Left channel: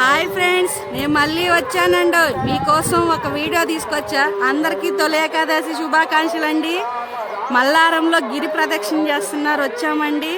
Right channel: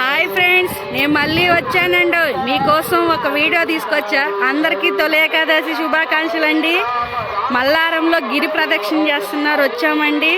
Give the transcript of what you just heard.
Hi friends, నేను మళ్ళీ వచ్చానండి. మీకోసం ఒక వీడియో తీసుకొచ్చా. అందరికీ తొలి ఏకాదశి శుభాకాంక్షలు అండి. మల్లారంలో గిరి ప్రదక్షిణ చేస్తున్నారు, వచ్చామండి.